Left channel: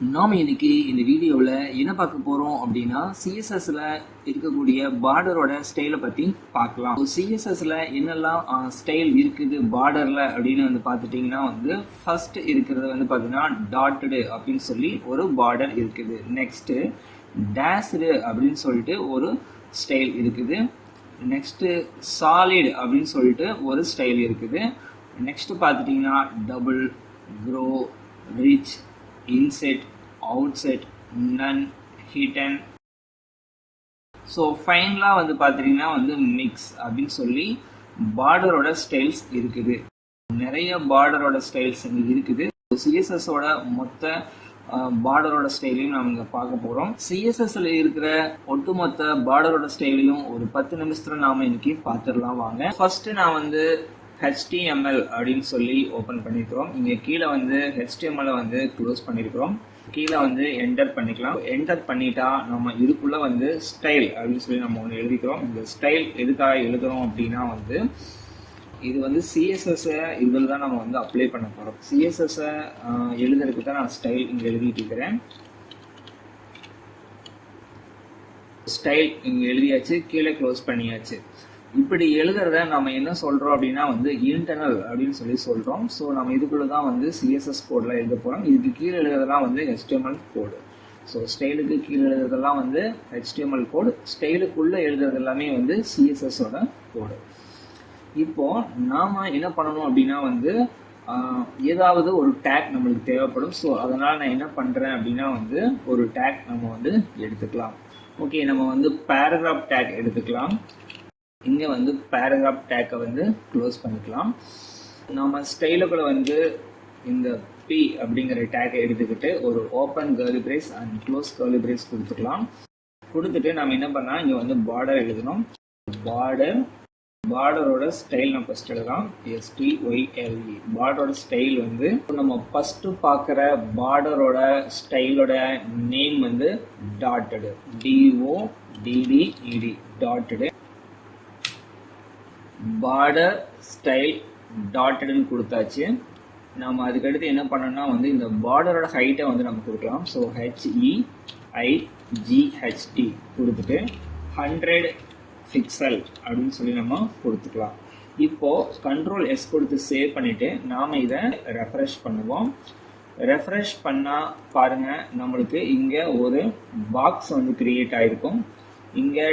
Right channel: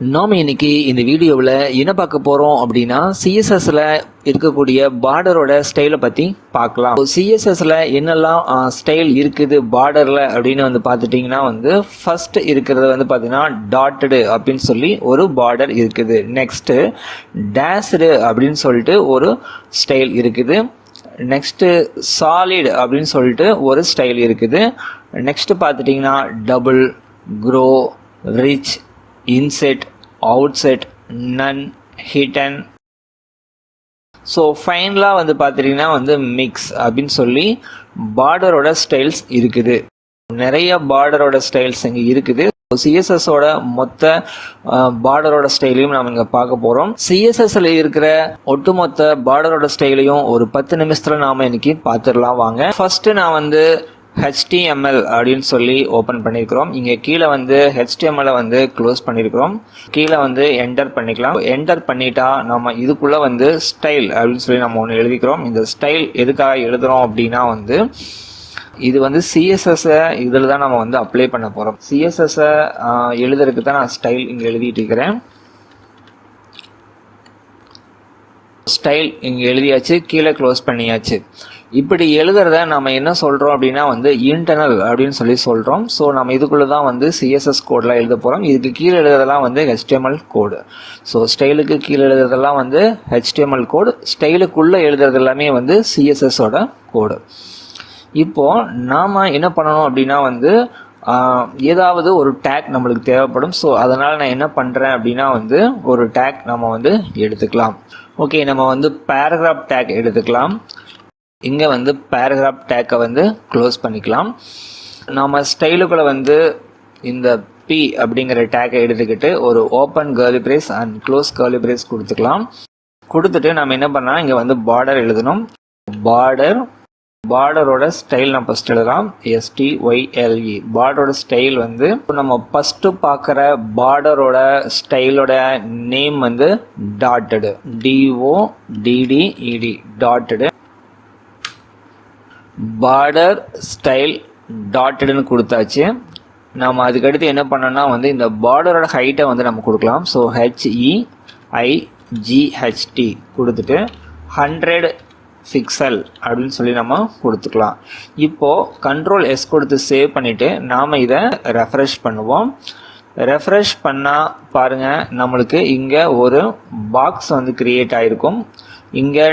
நாம இன்னைக்கு இந்த வீடியோவில் என்ன பார்க்க போகிறோம் அப்படின்னா சிஎஸ்எஸ்ல இருக்கக்கூடிய பார்டரோட ஸ்டைலை பற்றி பார்க்கலாம். சிஎஸ்எஸ்ல என்னெல்லாம் ஸ்டைல் இருக்குது பார்டரில் அப்படின்னு வந்து பார்த்துட்டிங்கன்னா ஃபர்ஸ்ட் இருக்கிறது பார்த்தீங்கன்னா டாட்டடு அப்படின்னு சொல்லி ஒரு பார்டர் இருக்குது. நெக்ஸ்ட்டு டேஷ்டு அப்படின்னு சொல்லிட்டு ஒரு ஸ்டைல் இருக்குது. நெக்ஸ்ட்டு சாலிட் அப்படின்னு சொல்லிட்டு ஒரு ஸ்டைல் இருக்குது. நெக்ஸ்ட்டு பார்த்துட்டிங்கன்னா டபுள், க்ரோ, ரிச், இன்செட், அவுட்செட், நன், ஹிட்டன். ஸோ ஃபைனலாக பார்த்துட்டிங்கன்னா மிக்ஸ் அப்படின்னு சொல்லி பார்டரோட ஸ்டைல்ஸ் இருக்குது. நிறைய பார்டரோட ஸ்டைல்ஸ் இங்கே இருக்குது. சிஎஸ்எஸோட மொத்த பார்டரோட ஸ்டைலையும் நம்ம இங்கே பார்க்க போகிறோம். சிஎஸ்எஸ்ல இருக்கிற ஒட்டுமொத்த பார்டரோட ஸ்டைலையும் ஒரு 10 நிமிஷத்தில் நாம் இன்னைக்கு பார்த்துடலாம் வாங்க. ஃபர்ஸ்ட் நான் HTML அப்படின்னு சொல்லி ஓப்பன் பண்ணியிருக்கிறோம். இங்கே கீழே HTML க்ளோஸ் பண்ணியிருக்கிறோம். கீழே என்டர் பண்ணிக்கலாம். என்டர் பண்ணிட்டா நம்ம இதுக்குள்ளே ஸ்டைல் அப்படின்னு சொல்லி நம்ம ஒன்று எழுதிக்கிறோம். இந்த ஸ்டைல் எதுக்காக எழுதுகிறோம் அப்படின்னா இது சிஎஸ்எஸ்ஸை இதில் தான் நம்ம அப்ளை பண்ண போகிறோம். சிஎஸ்எஸ்ஸை எழுதுறதுக்கு தான் நான் ஸ்டைல் இங்கே எழுதிட்டு இருக்கிறேன். ஸ்டைல் இங்கே எழுதியாச்சு, கீழே க்ளோஸ் பண்ணியாச்சு. இப்படி எழுதுறத நம்ம என்ன சொல்கிறோம் அப்படின்னா இன்டர்னல் அப்படின்னு சொல்லி சொல்கிறோம். ஸோ நம்ம இதுக்குள்ளே தான் சிஎஸ்எஸ் கோடெலாம் எழுத போகிறோம். இதுக்கு கீழே எழுதுறதெல்லாம் HTML கோடு. ஸோ ஸ்டைலுக்கு கீழே எழுதுறதெல்லாம் HTML கோடு, ஸ்டைலுக்குள்ளே எழுதுறது எல்லாமே சிஎஸ்எஸோட கோடு. இப்போது நாம் என்ன பண்ணணும் அப்படின்னா ஏதாவது ஒரு டேக் நம்மளுக்கு தேவைப்படும். ஸோ அதனால் நான் என்ன பண்ணுறேன் அப்படின்னா ஒரு டேக் நம்ம எடுத்துக்கலாம். ஓகே, நம்ம பேராகிராஃப் டேக் எடுத்துக்கலாம். இங்கே பேராகிராஃப் டேக்கை க்ளோஸ் பண்ணிக்கலாம். நாம் ஸ்டைலுக்குள்ளே இந்த பி அப்படிங்கிற டேக்கை எடுத்துக்கிட்டு ஒரு open curly brace and close curly brace கொடுத்துக்கலாம். கொடுத்துட்டு நம்ம என்ன பண்ணலாம், இங்கே பார்டர் எழுதணும். பார்டரோட ஸ்டைல் நம்ம ஃபஸ்ட் எழுதலாம். STYLE. பார்டரோட ஸ்டைல் நம்ம ஃபஸ்ட்டு பார்க்குற பார்டரோட ஸ்டைலோட name dotted, DODDED, dotted. Border style டாட்டடுன்னு கொடுத்தாச்சு. நம்ம அதுக்கடுத்து என்ன பண்ணோம்னா இந்த பார்டரோட ஹைட்டை நம்ம கொடுக்கலாம். ஸோ HEIGHT கொடுத்துட்டு 100 பிக்சல் அப்படின்னு சொல்லி நம்ம கொடுத்துக்கலாம். இப்போது Ctrl S கொடுத்து சேவ் பண்ணிவிட்டு நாம் இதை ரெஃப்ரெஷ் பண்ணுவோம். ரெஃப்ரெஷ் பண்ணால் பாருங்கள், நம்மளுக்கு இங்கே ஒரு பாக்ஸ் கிரியேட் ஆகிருக்கும். இங்கே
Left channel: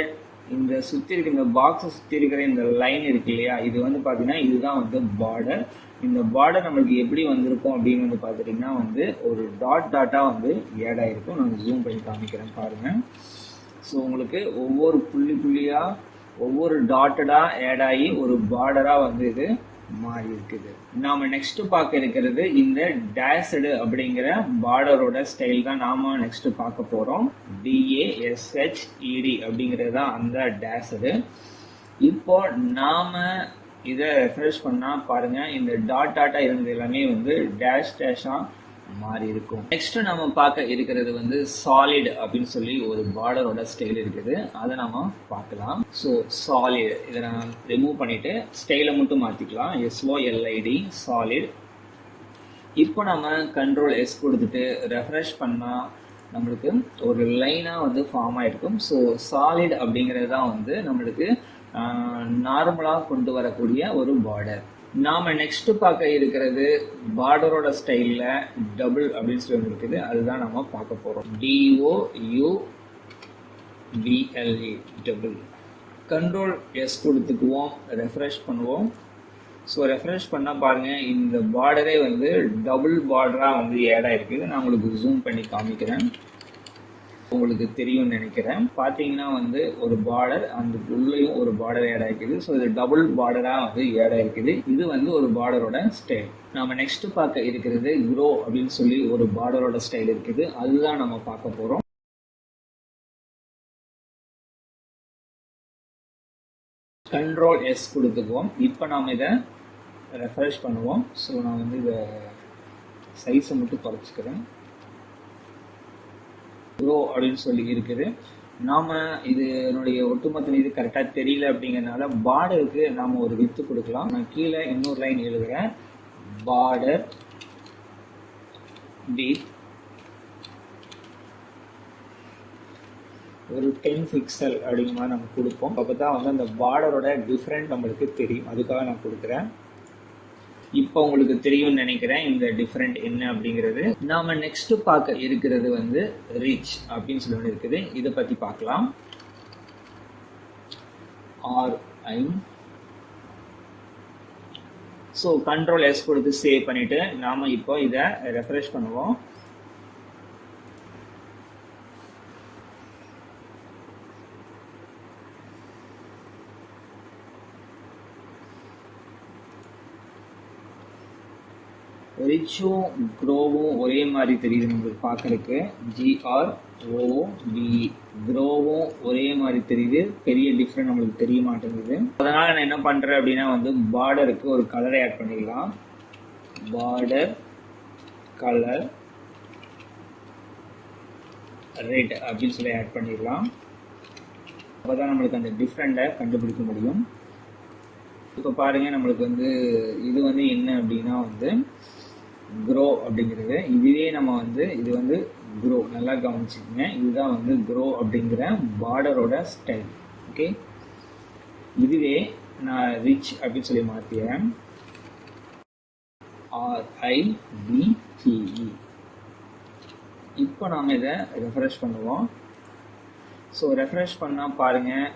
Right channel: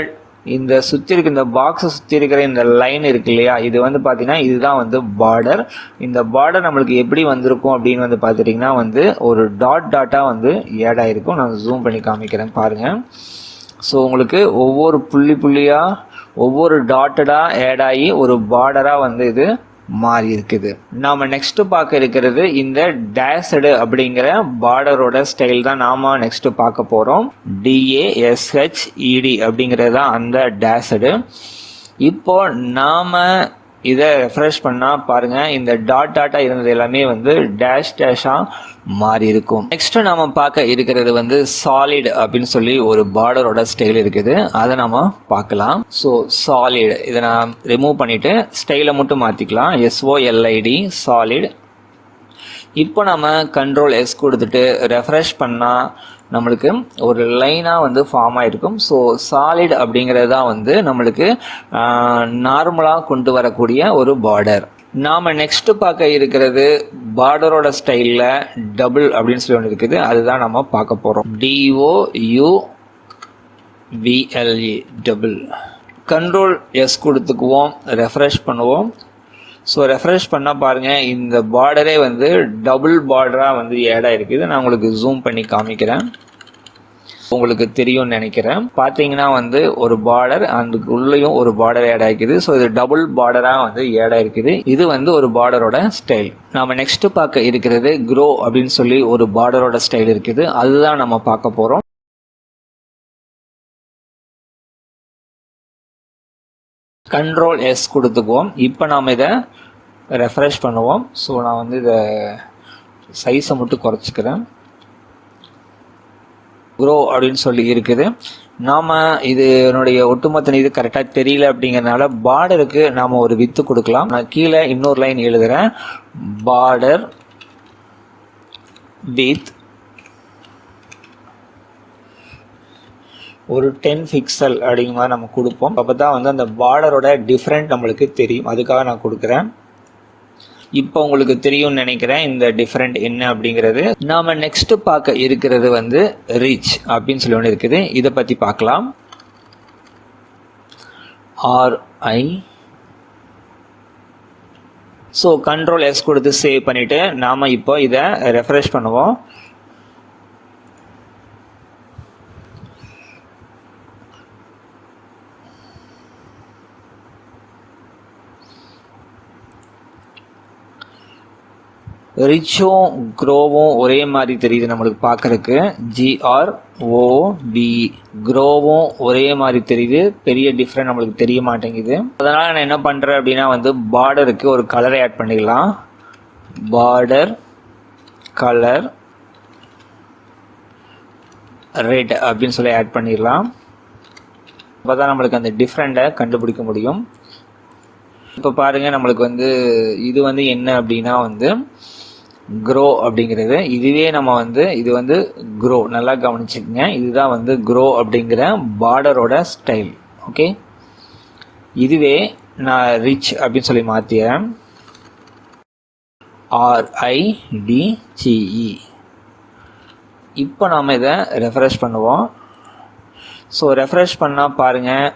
இந்த சுற்றி இருக்க இந்த பாக்ஸை சுற்றி இருக்கிற இந்த லைன் இருக்கு இல்லையா, இது பார்த்தீங்கன்னா இதுதான் பார்டர். இந்த பார்டர் நம்மளுக்கு எப்படி வந்திருக்கும் அப்படின்னு பார்த்துட்டிங்கன்னா ஒரு டாட்டாக ஆட் ஆகிருக்கும். நான் ஜூம் பண்ணி காமிக்கிறேன் பாருங்கள். ஸோ உங்களுக்கு ஒவ்வொரு புள்ளியாக ஒவ்வொரு டாட்டடாக ஆட் ஆகி ஒரு பார்டராக இது மாறி இருக்குது. நாம் நெக்ஸ்ட் பார்க்க இருக்கிறது இந்த டேஷ்டு அப்படிங்கிற பார்டரோட ஸ்டைல் தான் நாம நெக்ஸ்ட் பார்க்க போகிறோம். DASHED அப்படிங்கிறது தான் அந்த டேஷ்டு. இப்போ நாம் இதை ரெஃப்ரெஷ் பண்ணால் பாருங்கள், இந்த டாட்டா இருந்தது எல்லாமே டேஷாக மாறி இருக்கும். நெக்ஸ்ட் நாம பார்க்க இருக்கிறது சாலிட் அப்படின்னு சொல்லி ஒரு பார்டரோட ஸ்டைல் இருக்குது. அதை நம்ம பார்க்கலாம். ஸோ சாலிட் இதை நான் ரிமூவ் பண்ணிட்டு ஸ்டைலை மட்டும் மாற்றிக்கலாம். SOLID, solid. இப்போ நம்ம Ctrl S கொடுத்துட்டு ரெஃப்ரெஷ் பண்ணால் நம்மளுக்கு ஒரு லைனாக ஃபார்ம் ஆகிருக்கும். ஸோ சாலிட் அப்படிங்கிறது தான் நம்மளுக்கு நார்மலாக கொண்டு வரக்கூடிய ஒரு பார்டர். நாம் நெக்ஸ்ட் பார்க்க இருக்கிறது பார்டரோட ஸ்டைலில் டபுள் அப்படின்னு சொல்லி ஒன்று இருக்குது. அதுதான் நம்ம பார்க்க போகிறோம். DOUBLE, double. Ctrl S கொடுத்துக்குவோம், ரெஃப்ரெஷ் பண்ணுவோம். ஸோ ரெஃப்ரெஷ் பண்ணால் பாருங்கள், இந்த பார்டரே டபுள் பார்டராக ஆட் ஆகிருக்குது. நான் உங்களுக்கு ஜூம் பண்ணி காமிக்கிறேன், உங்களுக்கு தெரியும்னு நினைக்கிறேன். பார்த்தீங்கன்னா ஒரு பார்டர், அதுக்கு உள்ளேயும் ஒரு பார்டர் ஆட் ஆகிக்குது. ஸோ இது டபுள் பார்டராக ஆட் ஆகிருக்குது. இது ஒரு பார்டரோட ஸ்டைல். நம்ம நெக்ஸ்ட் பார்க்க இருக்கிறது க்ரோ அப்படின்னு சொல்லி ஒரு பார்டரோட ஸ்டைல் இருக்குது. அதுதான் நம்ம பார்க்க போகிறோம். Ctrl S கொடுத்துக்குவோம். இப்போ நாம் இதை ரெஃப்ரெஷ் பண்ணுவோம். ஸோ நான் இதை சைஸை மட்டும் குறைச்சிக்கிறேன். க்ரோ அப்படின்னு சொல்லி இருக்குது. நாம் இதனுடைய ஒட்டுமொத்த இது கரெக்டாக தெரியல அப்படிங்கிறதுனால பார்டருக்கு நாம் ஒரு வித்து கொடுக்கலாம். நான் கீழே இன்னொரு லைன் எழுதுகிறேன். பார்டர் வித் ஒரு 10 பிக்சல் அப்படிங்கிற மாதிரி நம்ம கொடுப்போம். அப்போ தான் வந்து அந்த பார்டரோட டிஃப்ரெண்ட் நம்மளுக்கு தெரியும். அதுக்காக நான் கொடுக்குறேன். இப்போ உங்களுக்கு தெரியும்னு நினைக்கிறேன் இந்த டிஃப்ரெண்ட் என்ன அப்படிங்கிறது. நாம் நெக்ஸ்ட்டு பார்க்க இருக்கிறது வந்து ரீச் அப்படின்னு சொல்லி ஒன்று இருக்குது. இதை பற்றி பார்க்கலாம். RI. ஸோ கண்ட்ரோல் S கொடுத்து சேவ் பண்ணிவிட்டு நாம் இப்போ இதை ரெஃப்ரெஷ் பண்ணுவோம். ரிச்சும் க்ரோவும் ஒரே மாதிரி தெரியுது நம்மளுக்கு பார்க்குறக்கு. GROB க்ரோவும் ஒரே மாதிரி தெரியுது. பெரிய டிஃப்ரெண்ட் நம்மளுக்கு தெரிய மாட்டேங்குது. அதனால் நான் என்ன பண்ணுறேன் அப்படின்னா வந்து பார்டருக்கு ஒரு கலரை ஆட் பண்ணிக்கலாம். பார்டர் கலர் ரெட் அப்படின்னு சொல்லி ஆட் பண்ணிடலாம். அப்போ தான் நம்மளுக்கு அந்த டிஃப்ரெண்ட்டை கண்டுபிடிக்க முடியும். இப்போ பாருங்கள், நம்மளுக்கு வந்து இது வந்து என்ன அப்படின்னா வந்து க்ரோ அப்படிங்கிறது. இதுவே நம்ம வந்து இது வந்து க்ரோ, நல்லா கவனிச்சுக்கங்க. இதுதான் வந்து க்ரோ அப்படிங்கிற பார்டரோட ஸ்டைல். ஓகே, இதுவே நான் ரிச் அப்படின்னு சொல்லி மாற்றிடுறேன். RIDGE. இப்போ நாம் இதை ரெஃப்ரெஷ் பண்ணுவோம். ஸோ ரெஃப்ரெஷ் பண்ணால் பாருங்கள்,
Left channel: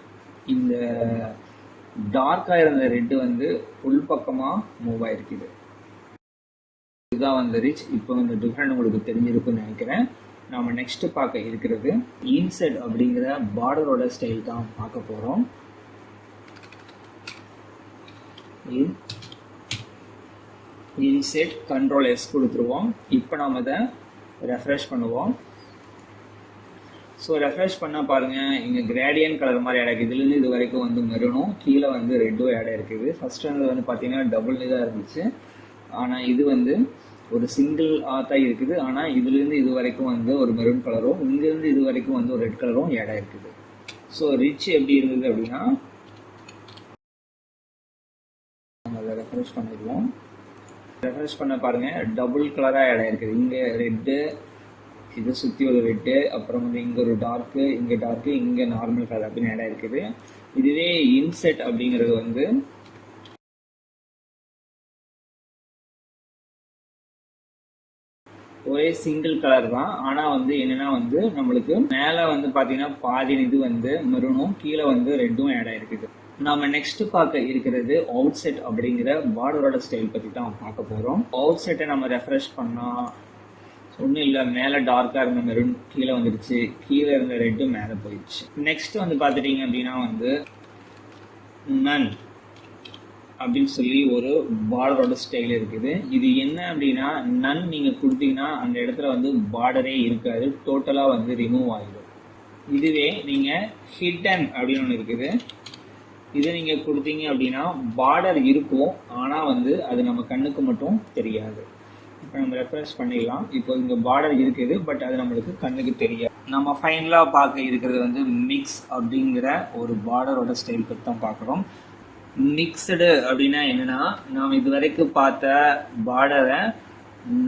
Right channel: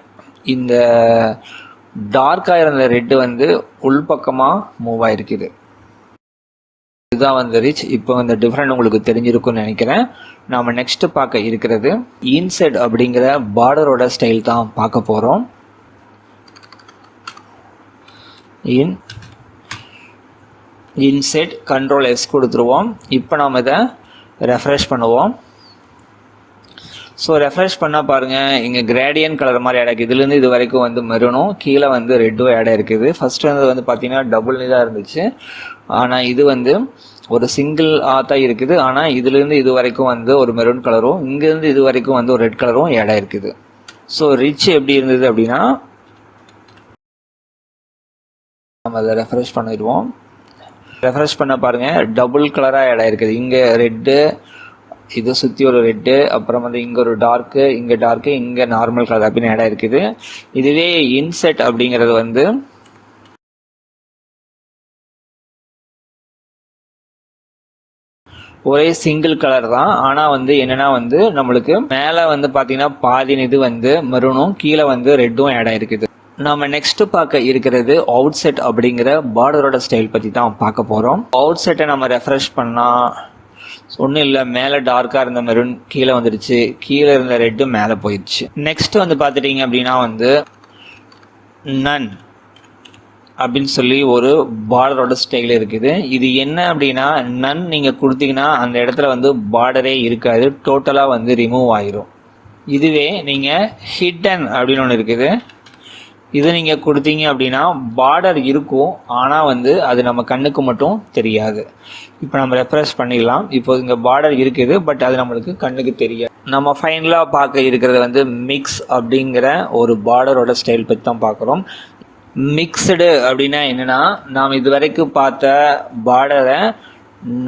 இந்த டார்க்காக இருந்த ரெட்டு வந்து உள்பக்கமாக மூவ் ஆகிருக்குது. இதுதான் வந்து ரிச். இப்போ இந்த டிஃப்ரெண்ட் உங்களுக்கு தெரிஞ்சிருக்கும்னு நினைக்கிறேன். நாம் நெக்ஸ்ட் பார்க்க இருக்கிறது இன்செட் அப்படிங்கிற பார்டரோட ஸ்டைல் தான் பார்க்க போகிறோம். இன்செட் கண்ட்ரோல் S கொடுத்துருவோம். இப்போ நாம் இதை ரெஃப்ரெஷ் பண்ணுவோம். ஸோ ரெஃப்ரெஷ் பண்ணால் பாருங்கள், இங்கே கிரேடியன் கலர் மாதிரி ஆட் ஆகிருக்கு. இதுலேருந்து இது வரைக்கும் வந்து மெரூனும் கீழே வந்து ரெட்டும் ஆட் ஆகிருக்குது. ஃபஸ்ட்டு வந்து பார்த்தீங்கன்னா டபுள் தான் இருந்துச்சு. ஆனால் இது வந்து ஒரு சிங்கிள் தான் இருக்குது. ஆனால் இதுலேருந்து இது வரைக்கும் வந்து ஒரு மெரூன் கலரும், இங்கேருந்து இது வரைக்கும் வந்து ஒரு ரெட் கலரும் ஆட் ஆகிருக்குது. ஸோ ரிச் எப்படி இருந்தது அப்படின்னா நம்ம அதை ரெஃப்ரெஷ் பண்ணிடுவோம். ரெஃப்ரெஷ் பண்ண பாருங்கள், டபுள் கலராக ஆட் ஆகிருக்குது. இங்கே ரெட்டு, இது சுற்றி ஒரு ரெட்டு, அப்புறம் வந்து இங்கே ஒரு டார்க்கு, இங்கே டார்க்கு, இங்கே நார்மல் கலர் அப்படின்னு ஆட் ஆகிருக்குது. இதுவே இன்செட் அப்படிங்கிறது வந்து ஒரே சிங்கிள் கலர் தான். ஆனால் வந்து என்னென்னா வந்து நம்மளுக்கு மேலே வந்து பார்த்தீங்கன்னா பாதி இது வந்து மெரூனும் கீழே வந்து ரெட்டும் ஆட் ஆகிருக்குது. நம்ம நெக்ஸ்ட் பார்க்க இருக்கிறது அவுட் செட் அப்படிங்கிற பார்டரோட ஸ்டைல் பற்றி தான் பார்க்க போகிறோம். அவுட் செட்டை நம்ம ரெஃப்ரெஷ் பண்ணால் ஒன்றும் இல்லை, மேலே டார்க்காக இருந்த மெரூன் கீழே வந்துடுச்சு, கீழே இருந்த ரெட்டு மேலே போயிடுச்சு. நெக்ஸ்ட் வந்து பார்த்துட்டிங்க அப்படின்னா வந்து நன் அப்படின்னு சொல்லி ஒரு பார்டரோட ஸ்டைல் இருக்குது. இது என்ன அப்படின்னா, நன் நீங்கள் கொடுத்தீங்கன்னா அந்த இடத்துல வந்து பார்டரே இருக்காது, டோட்டலாக வந்து ரிமூவ் ஆயிரும். இதுவே நீங்கள் ஹிட்டன் அப்படின்னு ஒன்று இருக்குது. இது நீங்கள் கொடுத்தீங்க அப்படின்னா பார்டர் இருக்கும், ஆனால் வந்து அது நம்ம கண்ணுக்கு மட்டும் தெரியாது. இப்போ நம்ம ரெஃப்ரெஷ் பண்ணிடலாம். இப்போ இங்கே பார்டர் இருக்குது, பட் அது நம்மளுக்கு கண்ணுக்கு தெரியாது. நம்ம ஃபைனலாக பார்க்க இருக்கிறது வந்து மிக்ஸ் அப்படிங்கிற ஒரு பார்டரோட ஸ்டைல் பற்றி தான் பார்க்குறோம். மிக்சடு அப்படின்னா என்னென்னா, நாம் இது வரைக்கும் பார்த்த பார்டரை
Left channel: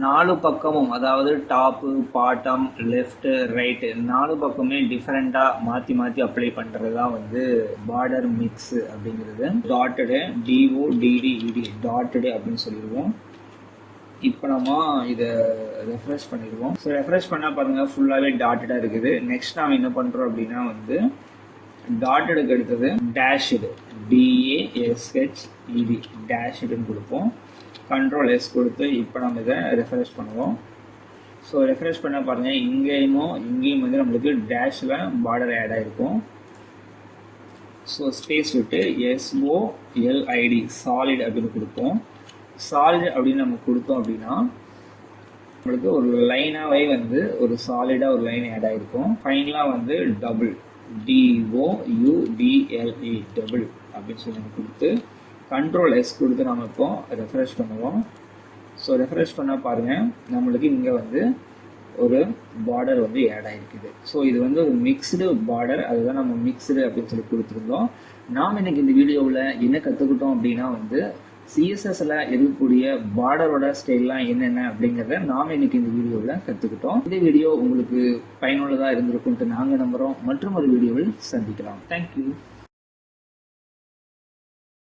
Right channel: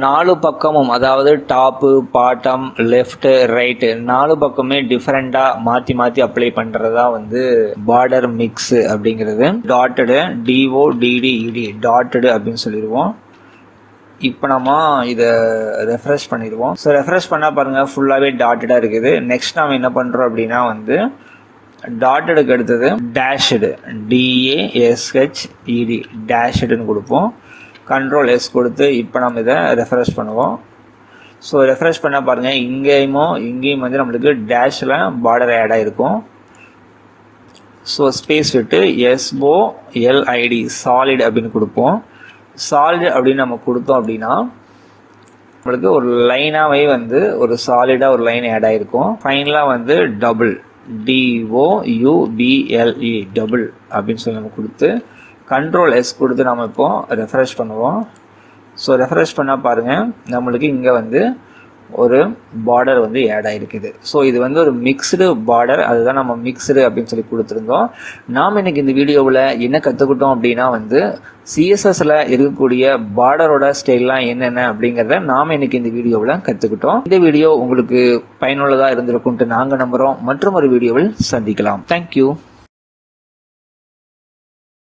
4 பக்கமும், அதாவது டாப்பு, பாட்டம், லெஃப்ட்டு, ரைட்டு 4 பக்கமே டிஃப்ரெண்ட்டாக மாற்றி மாற்றி அப்ளை பண்ணுறதா வந்து பார்டர் மிக்ஸு அப்படிங்கிறது. டாட்டடு, DODDED டாட்டடு அப்படின்னு சொல்லிடுவோம். இப்போ நம்ம இதை ரெஃப்ரெஷ் பண்ணிடுவோம். ஸோ ரெஃப்ரெஷ் பண்ணால் பாருங்கள், ஃபுல்லாகவே டாட்டடாக இருக்குது. நெக்ஸ்ட் நாம் என்ன பண்ணுறோம் அப்படின்னா வந்து டாட்டடுக்கு அடுத்தது டேஷ்டு, DASHED டேஷ்டுன்னு கொடுப்போம். கண்ட்ரோல் S கொடுத்து இப்போ நம்ம இதை ரெஃப்ரெஷ் பண்ணுவோம். ஸோ ரெஃப்ரெஷ் பண்ணால் பாருங்கள், இங்கேயும் வந்து நம்மளுக்கு டேஷில் பார்டர் ஆட் ஆகிருக்கும். ஸோ ஸ்பேஸ் விட்டு SOLID சாலிட் அப்படின்னு கொடுப்போம். சாலிட் அப்படின்னு நம்ம கொடுத்தோம் அப்படின்னா நம்மளுக்கு ஒரு லைனாகவே வந்து ஒரு சாலிடாக ஒரு லைன் ஆட் ஆகிருக்கும். ஃபைனலாக வந்து டபுள், DOUBLE டபுள் அப்படின்னு சொல்லி நம்ம கொடுத்து கண்ட்ரோல் S கொடுத்து நம்ம இப்போ ரெஃப்ரெஷ் பண்ணுவோம். ஸோ ரெஃப்ரெஷ் பண்ணால் பாருங்கள், நம்மளுக்கு இங்கே வந்து ஒரு பார்டர் வந்து ஆட் ஆகிருக்குது. ஸோ இது வந்து ஒரு மிக்ஸ்டு பார்டர், அதுதான் நம்ம மிக்ஸ்டு அப்படின்னு சொல்லி கொடுத்துருந்தோம். நாம் இன்னைக்கு இந்த வீடியோவில் என்ன கற்றுக்கிட்டோம் அப்படின்னா வந்து சிஎஸ்எஸ்ல இருக்கக்கூடிய பார்டரோட ஸ்டைல்லாம் என்னென்ன அப்படிங்கிறத நாம் இன்னைக்கு இந்த வீடியோவில் கற்றுக்கிட்டோம். இந்த வீடியோ உங்களுக்கு பயனுள்ளதாக இருந்திருக்கும்ட்டு நாங்கள் நம்புகிறோம். மற்றும் ஒரு வீடியோவில் சந்திக்கலாம். தேங்க்யூ.